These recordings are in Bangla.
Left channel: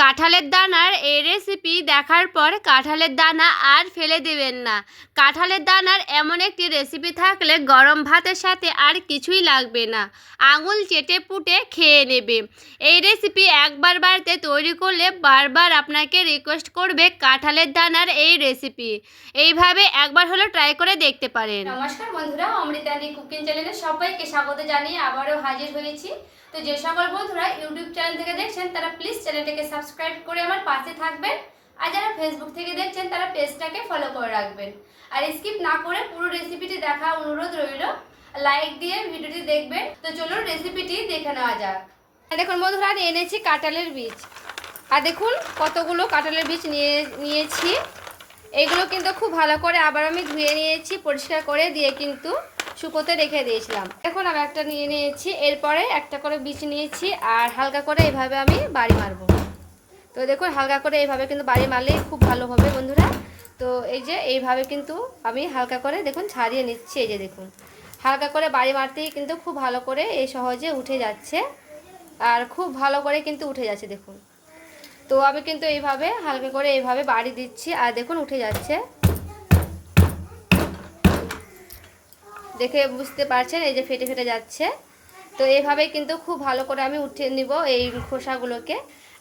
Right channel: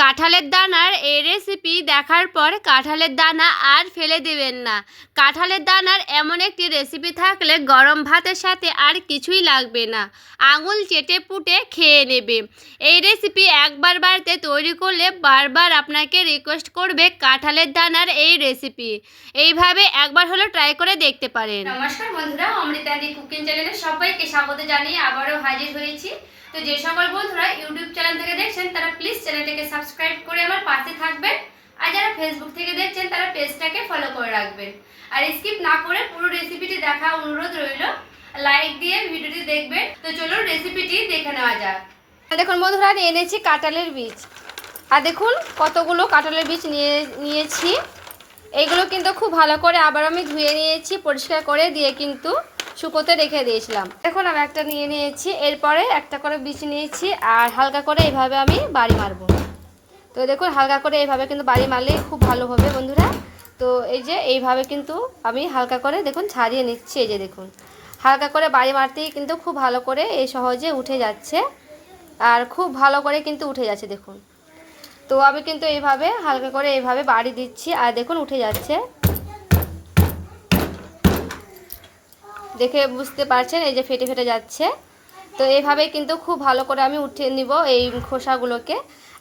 কাঁঠালের দানার এই রেসিপি দেখার পর কাঁঠালের দানা আর ফেলে দেবেন না। কাঁঠালের দানার এমন একটি রেসিপি থাকলে গরম ভাতের সাথে আর কিছুই লাগবে না, আঙুল চেটে পুটে খেয়ে নেবে। এই রেসিপি একবার বাড়িতে তৈরি করলে বারবার আপনাকে রিকোয়েস্ট করবে কাঁঠালের দানার এই রেসিপি। এইভাবে একবার হলো ট্রাই করে দেখতে পারেন। নমস্কার বন্ধুরা, অমৃতাদি কুকিং চ্যানেলে সবাইকে স্বাগত জানিয়ে আবারও হাজির হয়েছি। তো যে সকল বন্ধুরা ইউটিউব চ্যানেল থেকে দেখছেন তারা প্লিজ চ্যানেলটাকে সাবস্ক্রাইব করে আমার পাশে থাকবেন, আর যারা ফেসবুক থেকে দেখছেন তারা পেজটাকে ফলো করে রাখবেন। আর স্কিপ না করে পুরো রেসিপিটি দেখা অনুরোধ রইল, লাইক দিয়ে ভিডিওটি দেখবেন। তো চলুন রেসিপিটি দেখে নেওয়া যাক। দেখুন বন্ধুরা, আমি এনেছি কাঁঠালের বীজ, আর দেখুন কতগুলো কাঁঠালের বীজ নিয়েছি। এইগুলো কিন্তু খুব ভালো করে আবার আমি ধুয়ে নিয়েছি, পরিষ্কার করে দিয়ে কিন্তু শুকোতে রেখে দিয়েছিলাম। এখন আমি একটা নিয়ে নিয়েছি, এরপরে একটা করে বীজ নিয়েছি, আর হালকা করে এইভাবে আমি বাড়ি মারবো। তো দেখুন হালকা করে এইভাবে কিন্তু বাড়ি মারলে খুব ভালো হবে বন্ধুরা। তো এই যে এইভাবে কিন্তু আমি হালকা করে দেখুন ছাড়িয়ে নিচ্ছি। এই যে দেখুন হালকা করে বাড়ি মারতেই কিন্তু খুব ভালো করে এই সহজে উঠে যাচ্ছে, আর খুব ভালো করে কিন্তু উঠে যাচ্ছে দেখুন। তো আমি কিন্তু এইভাবে হালকা করে এইভাবে বাড়ি দিচ্ছি, আর দেখুন উঠে যাচ্ছে, দেখে বুঝতে পারছেন এই যে ফেটে ফেটে যাচ্ছে। তো এইভাবে কিন্তু খুব ভালো করে আমি উঠিয়ে নিব এই খোসাগুলোকে,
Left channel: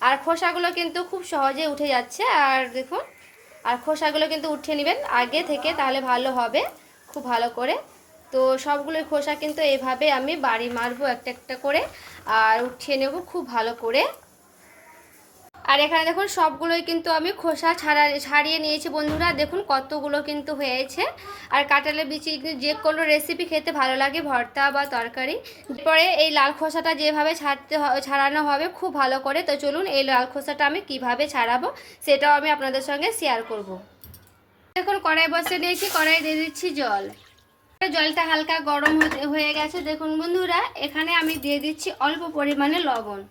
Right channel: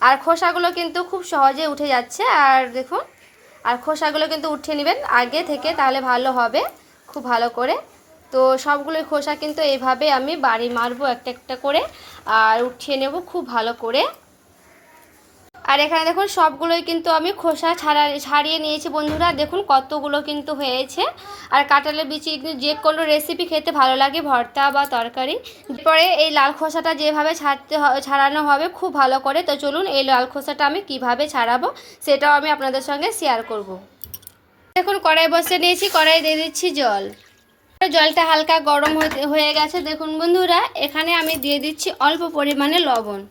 আর খোসাগুলো কিন্তু খুব সহজে উঠে যাচ্ছে। আর দেখুন, আর খোসাগুলো কিন্তু উঠিয়ে নেবেন আগে থেকে, তাহলে ভালো হবে খুব ভালো করে। তো সবগুলোই খোসা কিন্তু এইভাবে আমি বাড়ি মারবো একটা একটা করে, আর উঠিয়ে নেব খুব ভালো করে। আর এখানে দেখুন সবগুলোই কিন্তু আমি খোসা ছাড়িয়ে নিয়েছি বন্ধুরা। দেখুন কতগুলো কিন্তু হয়েছে। আর কাঁঠালের বিচি যে কোনো রেসিপি খেতে ভালো লাগে, ভর্তা বা তরকারি। এরপরে এই লাল খোসাটা যেভাবে ছাড়ানো হবে খুব ভালো করে। তো চলুন এই লাল খোসাটা আমি কিভাবে ছাড়াবো সেটাও আমি আপনাদের সঙ্গে শেয়ার করব। দেখুন কড়াই বসিয়ে নিয়েছি, কড়াই দিয়ে দিচ্ছি জল। জলটা হালকা গরম হয়ে গেছে দেখুন বন্ধুরা। এখানে আমি দিয়ে দিচ্ছি অল্প পরিমাণে লবণ,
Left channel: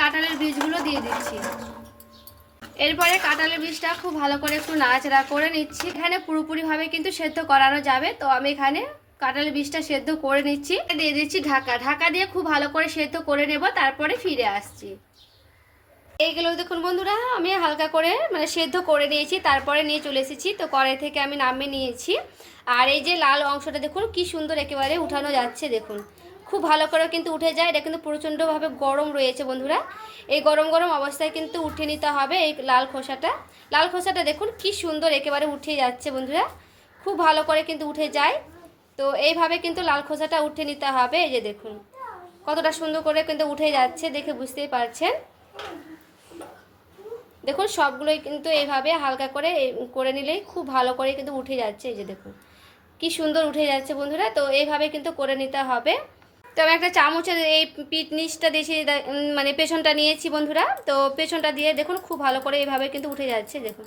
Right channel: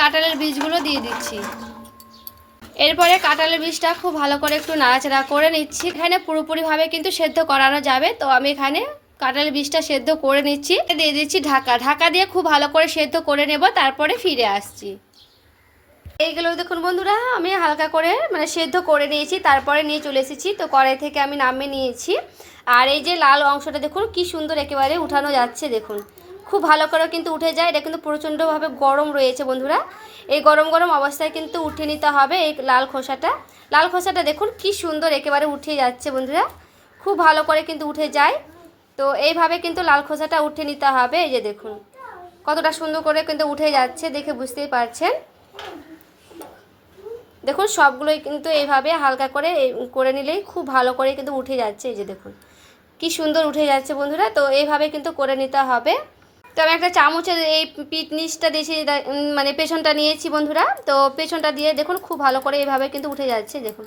কাঁঠালের বীজগুলো দিয়ে দিচ্ছি। এরপরে কাঁঠালের বীজটা খুব ভালো করে একটু নাড়াচাড়া করে নিচ্ছি। এখানে পুরোপুরিভাবে কিন্তু সেদ্ধ করানো যাবে, তো আমি এখানে কাঁঠালের বীজটা সেদ্ধ করে নিচ্ছি। দিয়ে দিচ্ছি ঢাকা দিয়ে খুব ভালো করে সেদ্ধ করে নেব, তারপরে ফিরে আসছি। এইগুলো দেখুন বন্ধুরা আমি হালকা করে সেদ্ধ করে নিয়েছি, তারপরে নিয়ে চলে এসেছি। তো কড়াই থেকে আমি নামিয়ে নিয়েছি, আর এই যে লাল অংশটা দেখুন কি সুন্দর একেবারে উঠানো যাচ্ছে। দেখুন খুব ভালো করে কিন্তু উঠে যায়। এটা কিন্তু প্রচণ্ডভাবে গরম রয়েছে বন্ধুরা। এই গরম গরম অবস্থায় কিন্তু উঠে নিতে হবে এই লাল খোসাটা দেখুন কি সুন্দর একেবারে উঠে যাচ্ছে বন্ধুরা, খুব ভালো করে কিন্তু উঠে যায়। তো এইভাবে কিন্তু লাল খোসাটা উঠে নিতে হবে। এই যে দেখুন কতটা সুন্দর করে কিন্তু উঠে যাচ্ছে, দেখে বুঝতেই পারছেন। দেখুন সবগুলোই কিন্তু এইভাবে হালকা করে নিলেই খুব ভালো করে কিন্তু উঠে যাচ্ছে। এই যে দেখুন কি সুন্দর উঠে যাচ্ছে বন্ধুরা। তো এইভাবে কিন্তু করে নিতে হবে। তো আমি একটা চামচের এই পিঠ নিচটা দিয়েছি, পেছনটা নিয়েছি বন্ধুরা। তো পেছনটা দিয়ে দেখুন খুব ভালো করে এইভাবে কিন্তু উঠে যাচ্ছে। দেখুন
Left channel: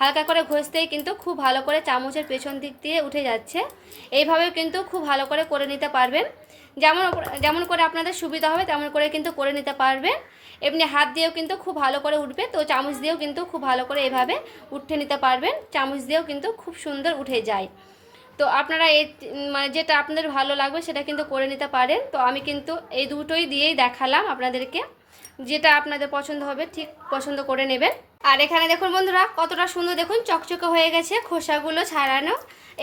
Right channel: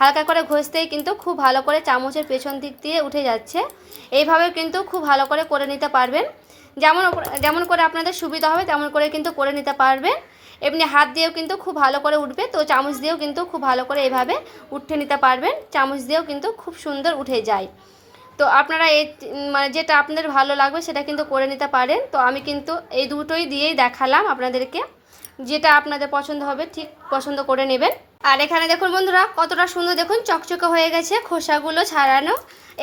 হালকা করে ঘষতেই কিন্তু খুব ভালো করে চামচের পেছন দিক দিয়ে উঠে যাচ্ছে। এইভাবে কিন্তু খুব ভালো করে নিতে পারবেন। যেমন করে আপনাদের সুবিধা হবে তেমন করে কিন্তু করে নিতে পারবেন। এমনি হাত দিয়েও কিন্তু খুব ভালো করে উঠবে, তো চামচ দিয়েও কিন্তু খুব ভালো করে এইভাবে উঠে নিতে পারবেন। চামচ দিয়েও কিন্তু খুব সুন্দর উঠে যায়। তো আপনারা এই যেটা আপনাদের ভালো লাগবে সেটা কিন্তু করে নিতে পারেন। তো আমি কিন্তু এই দুটোই দিয়েই দেখালাম আপনাদেরকে, যেটা আপনাদের পছন্দ হবে ঠিক পছন্দ করে নেবেন। আর এখানে দেখুন বন্ধুরা কতটা সুন্দর দেখুন চকচকে হয়ে গেছে খোসাগুলো ছাড়ানো।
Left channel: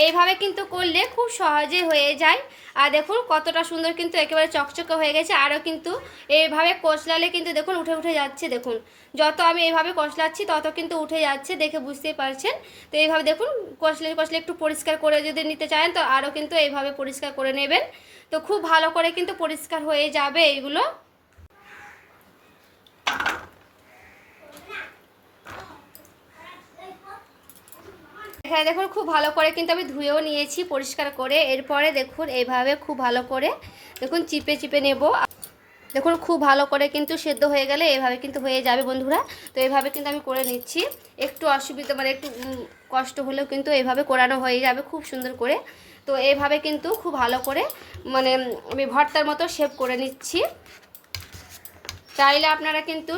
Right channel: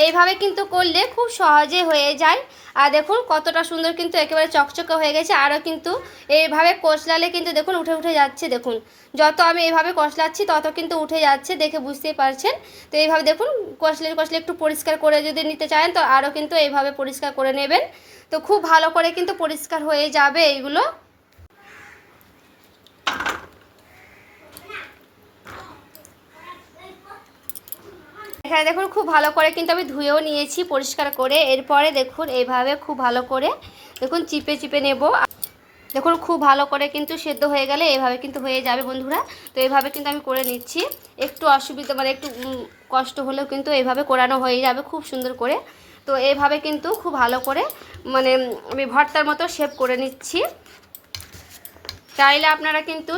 এইভাবে কিন্তু করলে খুব সহজে হয়ে যায়। আর দেখুন কতটা সুন্দর কিন্তু একেবারে চকচকে হয়ে গেছে। আরও কিন্তু এইভাবে কষলালে কিন্তু দেখুন উঠে যাচ্ছে। দেখুন যত আমি এইভাবে কষলাচ্ছি তত কিন্তু উঠে যাচ্ছে, দেখে বুঝতেই পারছেন। তো এইভাবে দেখুন কষলে একটু পরিষ্কার করে যদি নিতে চান তো আরও কিন্তু এইভাবে পরিষ্কার করে নেবেন। তো খুব ভালো করে কিন্তু পরিষ্কার হয়ে যাবে এইগুলো। এখানে দেখুন খুব ভালো করে কিন্তু আমি ধুয়েও নিয়েছি পরিষ্কার করে। এরপরে দেখুন এইভাবে খুব ভালো করে দেখুন চিপে নেব। দেখুন খুব ভালো করে কিন্তু সেদ্ধ হয়ে গেলে এইভাবে কিন্তু হয়ে যাবে বন্ধুরা। তো এইভাবে কিন্তু আমি করে নিচ্ছি। একটু অসুবিধা একটু কষ্ট হলেও কিন্তু এইভাবে করানো হয়ে যাবে খুব সুন্দর করে। তো এইভাবে কিন্তু খুব ভালো করে আমি ভর্তার মতো শেপ করে নিচ্ছি। চাইলে আপনারা কিন্তু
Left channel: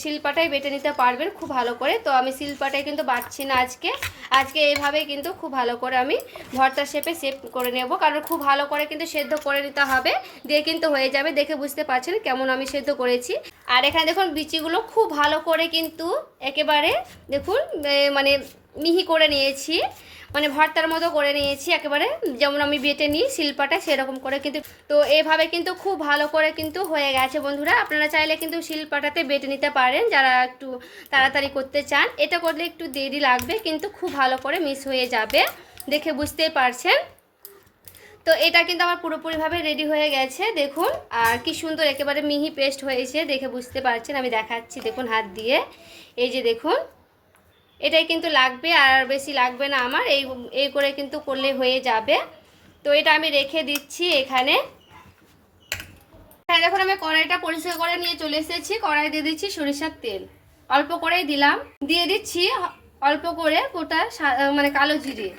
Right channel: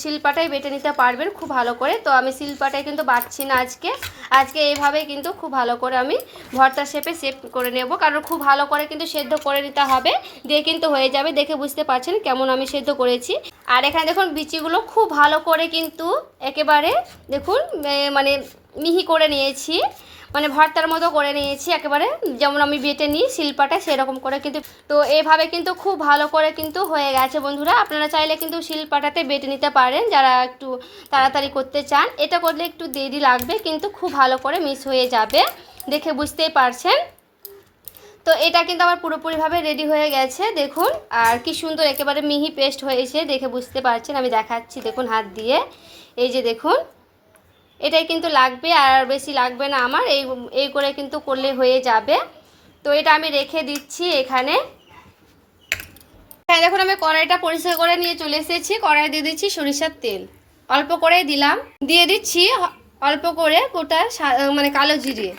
শিলপাটায় বেটে নিতে পারবেন খুব ভালো করে। তো আমি শিলপাটায় কিন্তু বাটছি না আজকে এইভাবেই কিন্তু খুব ভালো করে আমি ভর্তা শেপে করে নেব, কারণ খুব ভালো করে কিন্তু সেদ্ধ করে নিতে হবে, দিয়ে কিন্তু হয়ে যাবে। দেখে বুঝতে পারছেন কেমন আমি সেদ্ধ করেছি। আর এখানে দেখুন বিচিগুলো খুব ভালো করে কিন্তু একেবারে দেখুন মানে মিহি করে নিয়েছি, মানে ভর্তার মতো করে নিয়েছি একেবারে, যেমন আমি বেটে নিই শিলপাটা সেরকম করে কিন্তু। তো এভাবে কিন্তু খুব ভালো করে কিন্তু হয়ে গেছে বন্ধুরা। আপনারা চাইলে কিন্তু শিলপাটাতে বেটে নিতে পারেন যারা একটু তাড়াতাড়ি করতে চান। এটা করলে একটু দেরি লাগবে কিন্তু খুব ভালো করে মিক্স হয়ে যাবে, দেখে বুঝতেই পারছেন। তো এটা কিন্তু আমার পুরোপুরিভাবে রেডি হয়ে গেছে দেখুন। আর কি সুন্দর একেবারে মিহি পেস্ট হয়েছে, দেখে বুঝতে পারছেন। আমি দেখাচ্ছি দেখুন হাত দিয়ে, এই যে দেখুন এটাই কিন্তু লাগবে, আর বেশি লাগবে না আমার, এই করে কিন্তু করলে হয়ে যাবে। তো এটা আমি রেখে দিচ্ছি এখানে। দেখুন আমি কড়াইটা পরিষ্কার করে নিয়ে চলে এসেছি। কড়াই দিয়ে দিচ্ছি সরিষার তেল, অল্প করেই দিলাম। দিয়ে দিচ্ছি অল্প করে গোটা মানে কালো জিরে,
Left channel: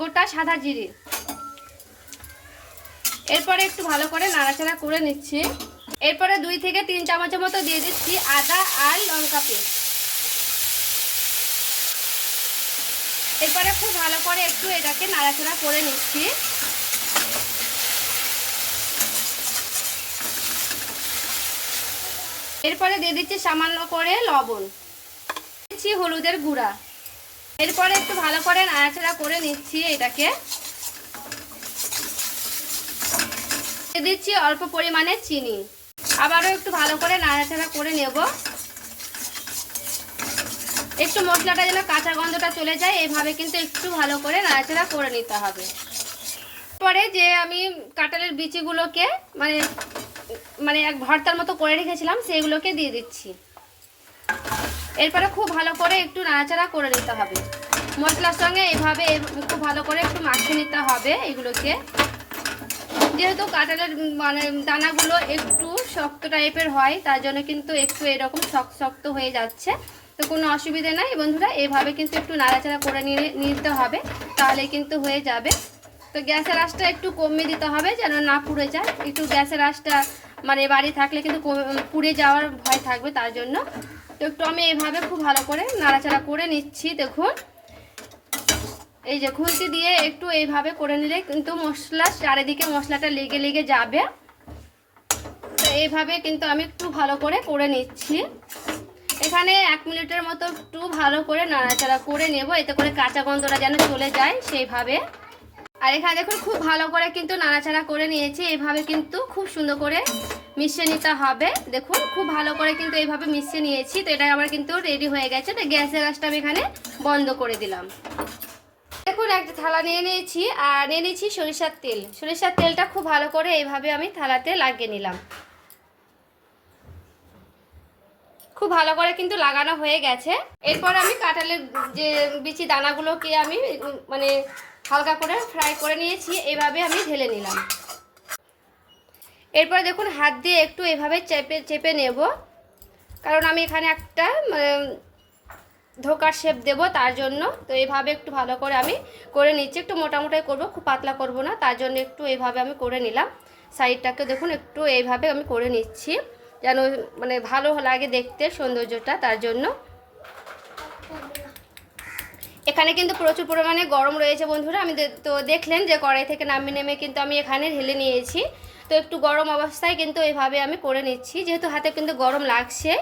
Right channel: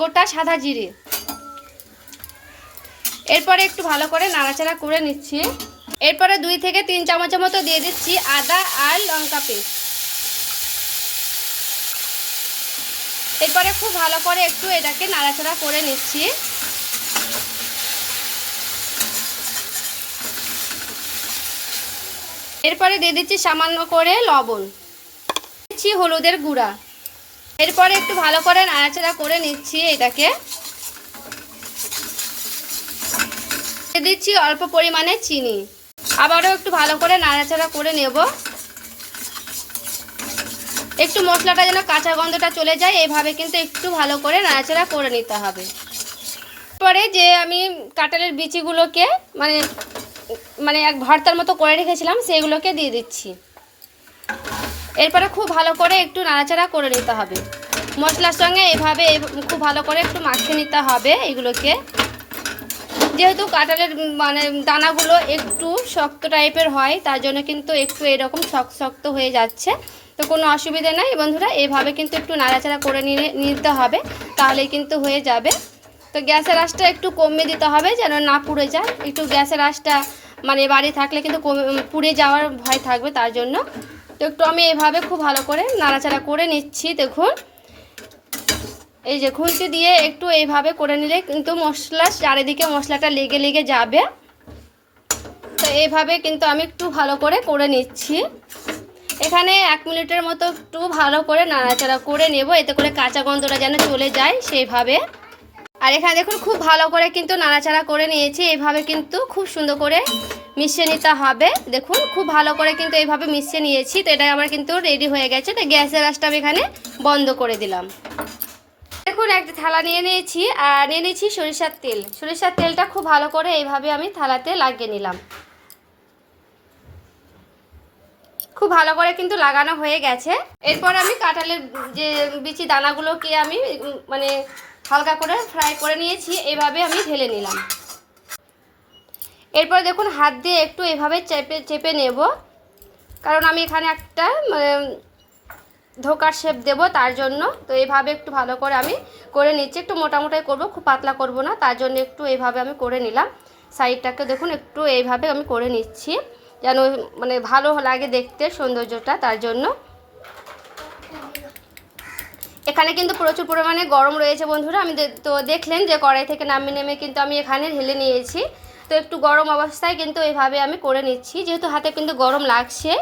গোটা সাদা জিরে। এরপরে একটু ভালো করে নাড়াচাড়া করে নিচ্ছি। এরপরে 2 থেকে 3 চামচের মতো দিয়ে দিচ্ছি আদা আর লঙ্কা পেস্ট। এরপরে খুব ভালো করে একটু এটাকে নাড়াচাড়া করে নিচ্ছি। এরপরে দিয়ে দিচ্ছি সামান্য করে লবণ, দিচ্ছি হলুদের গুঁড়া। এরপরে একটু ভালো করে নাড়াচাড়া করে নিচ্ছি এটাকে। দিয়ে দিচ্ছি অল্প পরিমাণে চিনি, আবারও একটু ভালো করে নাড়াচাড়া করে নেব। একটু মশলাটা যেন কাঁচা গন্ধটা চলে যায়, এইভাবে কিন্তু একটু ভালো করে নাড়াচাড়া করে নিতে হবে। এরপরে যে আমি কাঁঠালের বিচিগুলোকে মানে এক ভর্তার মতো করে রেখেছিলাম সেগুলোকে দিয়ে দিচ্ছি। এরপরে খুব ভালো করে একটু নাড়াচাড়া করে নিতে হবে মশলার সঙ্গে, এভাবে খুব ভালো করে একটু মাখিয়ে নিতে হবে এগুলোকে। যেহেতু কাঁঠালের মানে দানাগুলো একটু শক্ত টাইপের হয়, তার জন্য কিন্তু একটু এরকম শক্ত হয়ে যাচ্ছে। তো কোনো অসুবিধা নাই বন্ধুরা, এইভাবে কিন্তু একটু নাড়াচাড়া করে নিতে হবে, তাহলেই কিন্তু হয়ে যাবে। তো গ্যাসের আঁচটা একটু কমিয়ে দিতে হবে যেন না পুড়ে যায়। একটু গ্যাসের আঁচটা মানে বাড়ি থাকলে কিন্তু পুড়ে যাওয়ার ভয় থাকবে, তার জন্য। তো একটু আমি এইভাবে খুব ভালো করে নাড়াচাড়া করে নিচ্ছি দেখুন। এই যে খুন্তি দিয়ে একটু এইভাবে করে নিলে কিন্তু চারিদিকে মশলাটা লেগে যাবে। তো এইভাবে কিন্তু আমি একটু ভালো করে নিচ্ছি। এখানে 1 মিনিটের মতো একটু ভালো করে নাড়াচাড়া করে নেব, এতে করে কাঁচা গন্ধটা যেন চলে যায় সেইভাবে। আর এখানে দেখুন খুব ভালো করে কিন্তু নাড়াচাড়া করে নিয়েছি। এইভাবে কিন্তু খুব সুন্দর করে মিশিয়ে নিতে হবে। দেখুন খুব ভালো করে কিন্তু এইভাবে মিশিয়ে নিয়েছি। তো এটা আমার কিন্তু রেডি হয়ে গেছে। তো গ্যাসের আঁচটা আমি এখানে বন্ধ করে দিলাম। দেখুন একটা থালা নিয়ে নিয়েছি, আর নিয়ে নিয়েছি সরিষার তেল। সরিষার তেলটা খুব ভালো করে এইভাবে আমি থালাতে লাগিয়ে নিলাম। খুব ভালো করে কিন্তু লাগানো হয়ে গেছে। এরপর আমি কাঁঠালের যে বিচি দানাগুলোকে আমি মানে হালকা করে ফ্রাই করে নিয়েছি, এইভাবে আমি ঢেলে নিলাম। এরপর দেখুন হাত দিয়ে একটু এভাবে চেপে নেব, কারণ আমি এখানে একটা ধোকার শেপ দেব তার জন্য। তো এইভাবে একটু ভালো করে আমি করে নিচ্ছি। একটু মোটামোটাই করব, খুব পাতলা করব না, তার জন্য একটু এইভাবে আমি করে নিলাম। সাইডটাকে দেখুন একটু এইভাবে আমি করে নিচ্ছি যেন মানে ভালো লাগে দেখতে সৌন্দর্যটা, তার জন্য। এখানে কিন্তু প্রচুর পরিমাণে গরম রয়েছে বন্ধুরা। আমি তো দেখলেন যে কড়াই থেকে নেমে কিন্তু আমি এখানে ঢেলে নিয়েছি। তো একটু গরম অবস্থায় কিন্তু এইভাবে আমি করে নিচ্ছি, যেহেতু হাতে কিন্তু গরম লাগছে,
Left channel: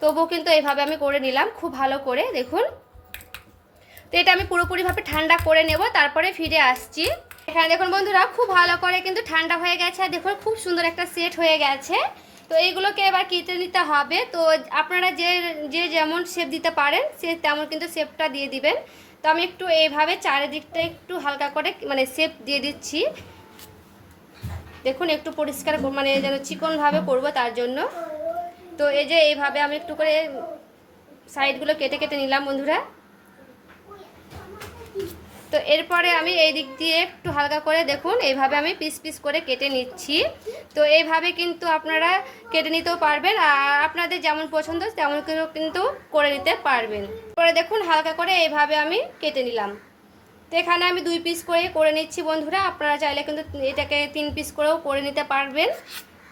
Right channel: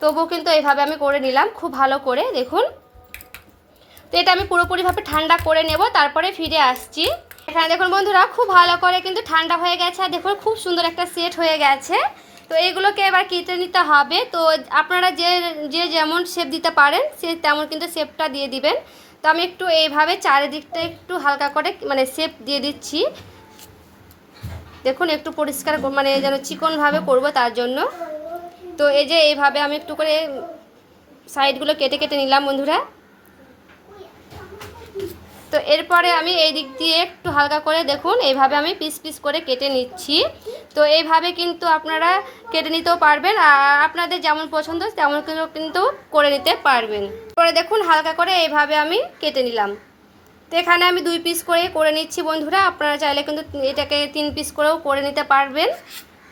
তবুও কিন্তু এইভাবে আমি করে নিলাম খুব ভালো করে দেখুন। তো এটা আমি পুরোপুরিভাবে ঠান্ডা করে নেব, তারপরে ফিরে আসছি। এখানে দেখুন বন্ধুরা খুব ভালো করে কিন্তু ঠান্ডা হয়ে গেছে, আর দেখুন খুব সুন্দর একটা সেট হয়ে গেছে। তো এইগুলোকে এবার কেটে নিতে হবে। তো আপনারা যে যেমন শেপ দিতে পারেন সে তেমন কিন্তু শেপটা দিয়ে দিবেন। তো আমি একটু এইভাবে চারিদিকটা একটু হালকা করে মানে শেপ দিয়ে দিচ্ছি দেখুন, একটু পরিষ্কার মানে যেন চিকনভাবে করব তার জন্য। তো এই যে এইভাবে আমি একটু করে সাইডগুলো কেটে নিলাম বন্ধুরা। তো এরপরে আমি এই দিক দিয়ে একটু হালকা করে দেখুন এইভাবে আমি পিস করে কেটে নিচ্ছি। তো এইভাবে কিন্তু আপনারা কেটে নিতেও পারবেন, আর আপনাদের যেমন পছন্দ তেমন কিন্তু করে নিতে পারবেন। পরে দেখুন হালকা করে এইভাবে আমি কেটে নিলাম। তো এখানে আমি 2 পিস করে নিচ্ছি বন্ধুরা। আপনারা চাইলে কিন্তু এটাকে 3 পিস করেও করে নিতে পারবেন।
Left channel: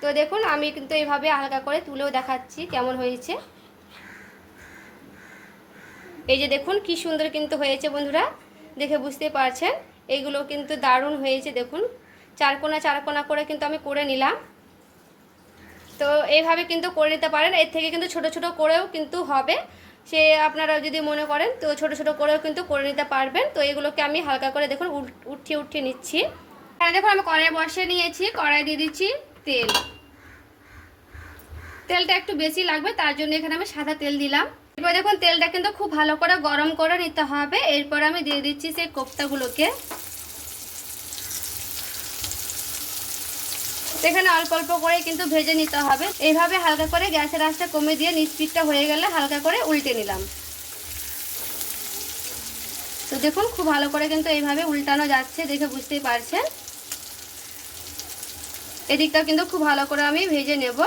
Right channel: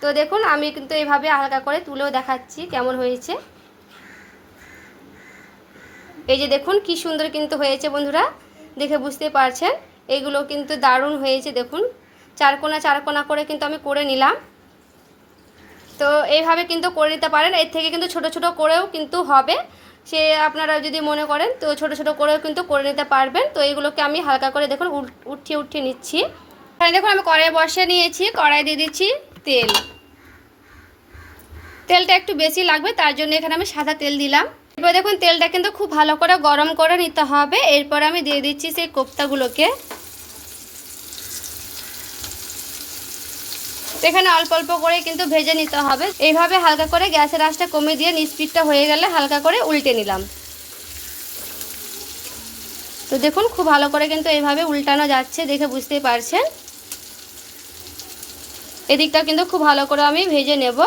তো দেখুন আমি কিন্তু এইভাবে হালকা করে তুলেও দেখাচ্ছি কেমন হয়েছে। এই যে দেখুন কি সুন্দর কিন্তু হয়েছে বন্ধুরা, দেখে বুঝতে পারছেন। এইগুলো কিন্তু দারুণ হয়েছে দেখুন, 4 কোনা করে কিন্তু আমি করে নিলাম। তো এইভাবে কিন্তু করে নিতে পারেন। এর থেকে কিন্তু ছোট ছোট করেও কিন্তু হবে, সে আপনারা যদি মনে করেন তো ছোট ছোট করেও কিন্তু করে নিতে পারবেন। তো এগুলোকে আমি হালকা করে দেখুন উঠিয়ে নিচ্ছি। এখানে দেখুন আমি কড়াই বসিয়ে নিয়েছি, কড়াই দিয়ে দিচ্ছি তেল। তেলটা একটু বেশি লাগবে, তার জন্য এখানে আমি সাদা তেল দিলাম। এরপর দেখুন তেলটা কিন্তু খুব ভালো করে গরম করে নিতে হবে। এরপর আমি দিয়ে দিচ্ছি সেই কোপ্তাগুলোকে। এখানে অল্প অল্প করে কিন্তু ভেজে নিতে হবে। এইভাবে হালকা করে গ্যাসের আঁচটা কমিয়ে দিয়ে নিস্পিডটা হয়ে গেলে হালকা করে উল্টে নিলাম। তো দেখুন খুব ভালো করে কিন্তু এইভাবে উল্টানো যাচ্ছে, দেখে বুঝতেই পারছেন। এদিকটা কিন্তু খুব ভালো করে আমি ভেজে নেব।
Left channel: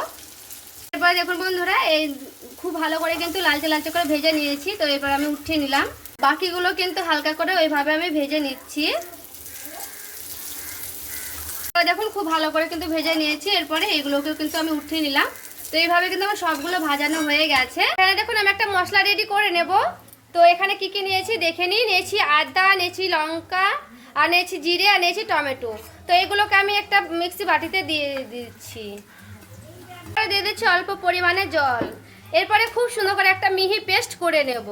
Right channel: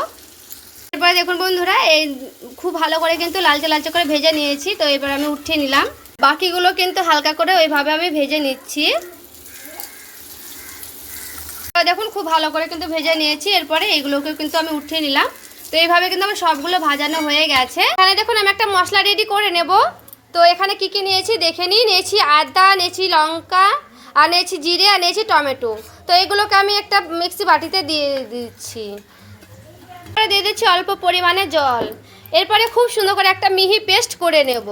এরপরে দেখুন বন্ধুরা, এই খুব ভালো করে কিন্তু লালচে লালচে করে ভেজে নিয়েছি। তো এবার আমি উঠিয়ে নিলাম। বাকিগুলো কিন্তু হালকা করে ওইভাবে আমি ভেজে নিচ্ছি। দেখুন খুব ভালো করে কিন্তু ভেজে নিয়েছি। এরপরে এগুলোকেও কিন্তু আমি উঠিয়ে নিলাম। তো এইভাবে কিন্তু আমার সবগুলো ভাজানো হয়ে গেছে। এখানে দেখুন আমি একটা মশলা রেডি করে নেব। তো এখানে কি কি নিয়েছি দেখে নিয়েছি আদা, নিয়েছি লঙ্কা, আর নিয়েছি জিরে, আর নিয়েছি টমেটো। তো এগুলোকে আমি একটা মিক্সি বাটিতে দিয়ে দিচ্ছি। দিয়ে দিচ্ছি অল্প পরিমাণে জল। এরপরে খুব সুন্দর করে একটা মিহি পেস্ট করে নেব।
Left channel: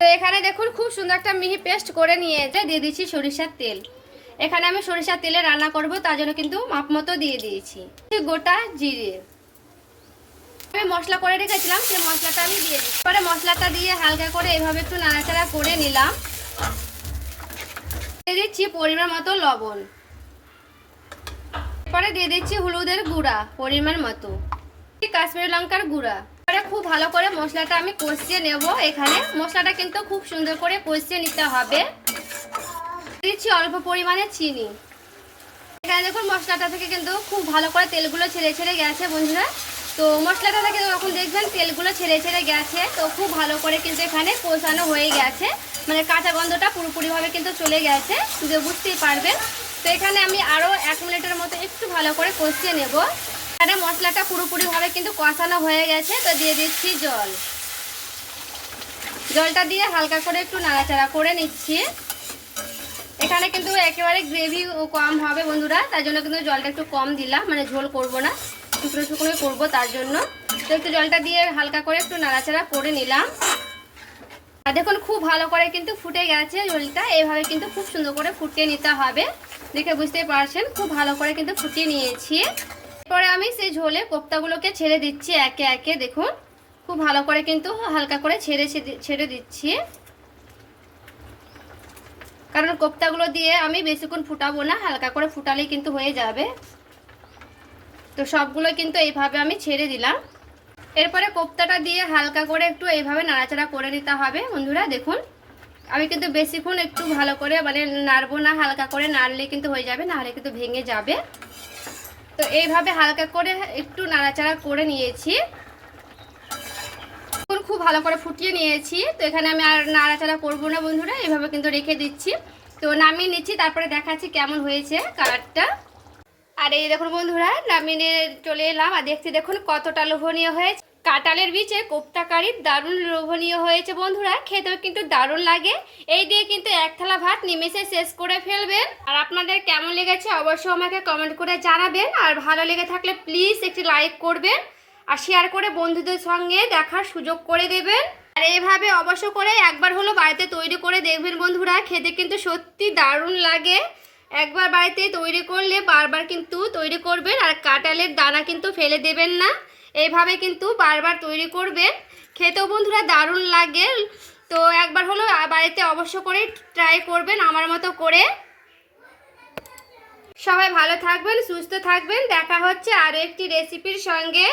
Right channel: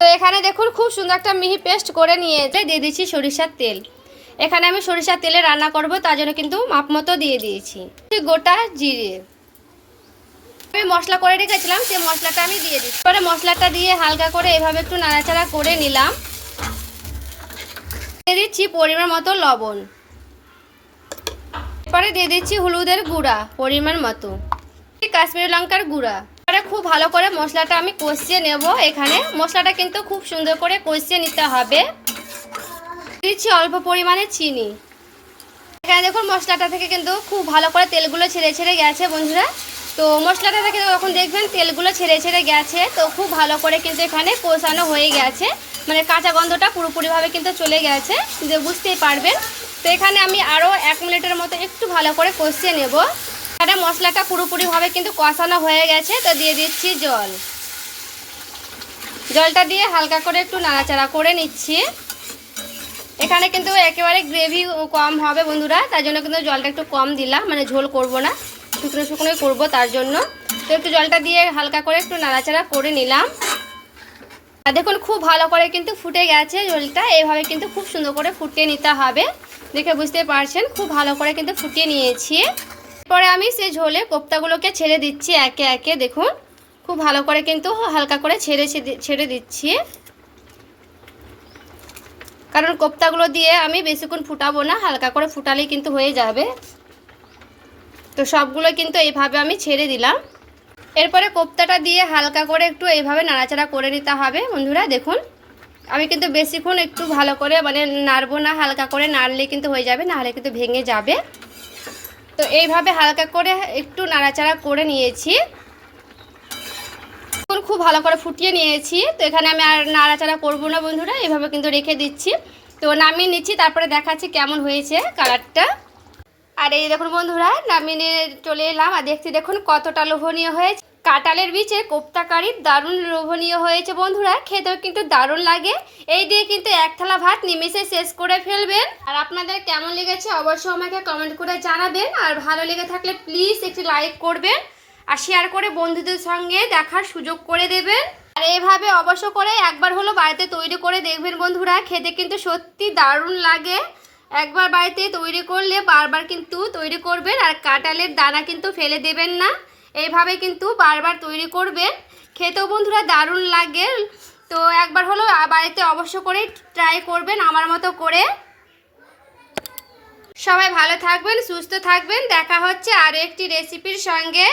তো এখানে দেখুন খুব সুন্দর একটা মিহি পেস্ট করে নিয়ে দিয়ে দিচ্ছি সরিষার তেল। এখানে আমি সরিষার তেলে রান্না করব, তার জন্য কিন্তু মাপ মতো দিয়ে দিয়েছি গোটা জিরে। আমি মশলা করে রেখেছিলাম, সেই মশলাটা আমি দিয়ে দিচ্ছি। এবারে মশলাটা দিয়ে হালকা করে এভাবে একটু নাড়াচাড়া করে নিলাম। দিয়ে দিচ্ছি পরিমাণ মতো লবণ। এরপরে দিয়ে দিচ্ছি হলুদের গুঁড়া পরিমাণ মতো, কাশ্মীরি লঙ্কার গুঁড়া। এবারে খুব ভালো করে মশলাটা আমি কষিয়ে নেব। এখানে মশলাটা কিন্তু খুব সুন্দর করে কষিয়ে নিতে হবে। দিচ্ছি অল্প পরিমাণে চিনি। এখানে দেখুন মশলাটা থেকে কিন্তু খুব ভালো করে তেলগুলো ছেড়ে ছেড়ে গেছে বন্ধুরা। তো মশলাটা থেকে যখন দেখবেন তেলগুলো ছেড়ে ছেড়ে গেছে, তো খুব ভালো করে কিন্তু এখানে কষানো হয়ে গেছে, মানে কাঁচা গন্ধটা পুরোপুরিভাবে কিন্তু চলে গেছে, বুঝতেই পারবেন। তো এখানে আমি আরও 1 মিনিটের মতো একটু ভালো করে কষিয়ে নেব। এখানে মশলাটা পুরোপুরিভাবে কিন্তু কষানো হয়ে গেছে। তো দিয়ে দিচ্ছি জল। জলটা দিয়ে হালকা করে একটু নাড়াচাড়া করে নিচ্ছি। এখানে কিন্তু একেবারে গ্রেভি কম হবে বন্ধুরা, তার জন্য কিন্তু জলটা একটু কম দিলাম, মানে ঝোল করব না, শুকনো শুকনোই করবো তার জন্য। তো একটু জলটা দিয়ে হালকা করে একটু নাড়াচাড়া করে নিলাম। আর দেখুন খুব ভালো করে কিন্তু ফুটে গেছে ঝোলটা। এইভাবে কিন্তু খুব সুন্দর করে ফুটিয়ে নিতে হবে, দেখে বুঝতে পারছেন। খুব ভালো করে কিন্তু ফুটিয়ে নিয়েছি। এরপরে আমি সেই ঝোলে কোপ্তাগুলোকে ছেড়ে দিচ্ছি একে একে। দেখুন খুব ভালো করে কিন্তু হালকা করে ছেড়ে দিচ্ছি, কারণ কোপ্তাগুলো দিয়ে আমি বেশিক্ষণ ফুটাবো না, হালকা করে ফুটালেই কিন্তু হয়ে যাবে। তো সবগুলো কিন্তু এইভাবে আমি ছেড়ে দিলাম। এরপরে কোপ্তাটা দিয়ে হালকা করে একটু এইভাবে নাড়াচাড়া করে নিতে হবে বন্ধুরা। দেখুন আমি কিন্তু বেশিক্ষণ একটু ভালো করে মানে নাড়বো না, হালকা করে নাড়লে কিন্তু হয়ে যাবে, নাহলে কিন্তু ভেঙে যাবে। তো এইভাবে হালকা করে একটু নাড়াচাড়া করে নিয়েছি, খুব ভালো করে ফুটিয়ে নিয়েছি। তো এখানে আমি আর নাড়াচাড়া করবো না বন্ধুরা, এইভাবে কিন্তু রেখে দিচ্ছি। তো নামিয়ে নিচ্ছি, তারপরে দেখাচ্ছি কেমন হয়েছে কালারটা। আর এই দেখুন বন্ধুরা নামিয়ে নিয়ে চলে এলাম, আর দেখছি দেখুন কতটা লোভনীয় হয়েছে। কাঁঠালের বীজের কোপ্তা কারি দারুণ লোভনীয় হয়েছে বন্ধুরা, খেতেও কিন্তু দারুণ লাগে। এই দিয়ে কিন্তু 1 থালা ভাত নিমেষে শেষ করে ফেলবেন। আর আপনাদের কেমন লেগেছে অবশ্যই আমাকে কমেন্ট করে জানাবেন। আর ভালো লেগে থাকলে প্লিজ একটি লাইক করবেন, আর শেয়ার করে বন্ধুদের সঙ্গে দেখার সুযোগ করে দেবেন। আর এইভাবে অবশ্য করে একবার হলো বাড়িতে তৈরি করে দেখবেন বন্ধুরা, খেতে কিন্তু সত্যি দারুণ লাগে। একবার বাড়িতে তৈরি করলে বারবার কিন্তু তৈরি করবেন। আর কাঁঠালের দানা কিন্তু ফেলে দেবেন না, এইভাবে কিন্তু বারবার তৈরি করবেন, খেতেও বন্ধুরা দারুণ লাগে। তো একবার হলো বাড়িতে অবশ্য করে ট্রাই করবেন আমার মতো করে। সবাই ভালো থাকবেন, সুস্থ থাকবেন। দেখা হচ্ছে আরও একটি রেসিপির সঙ্গে।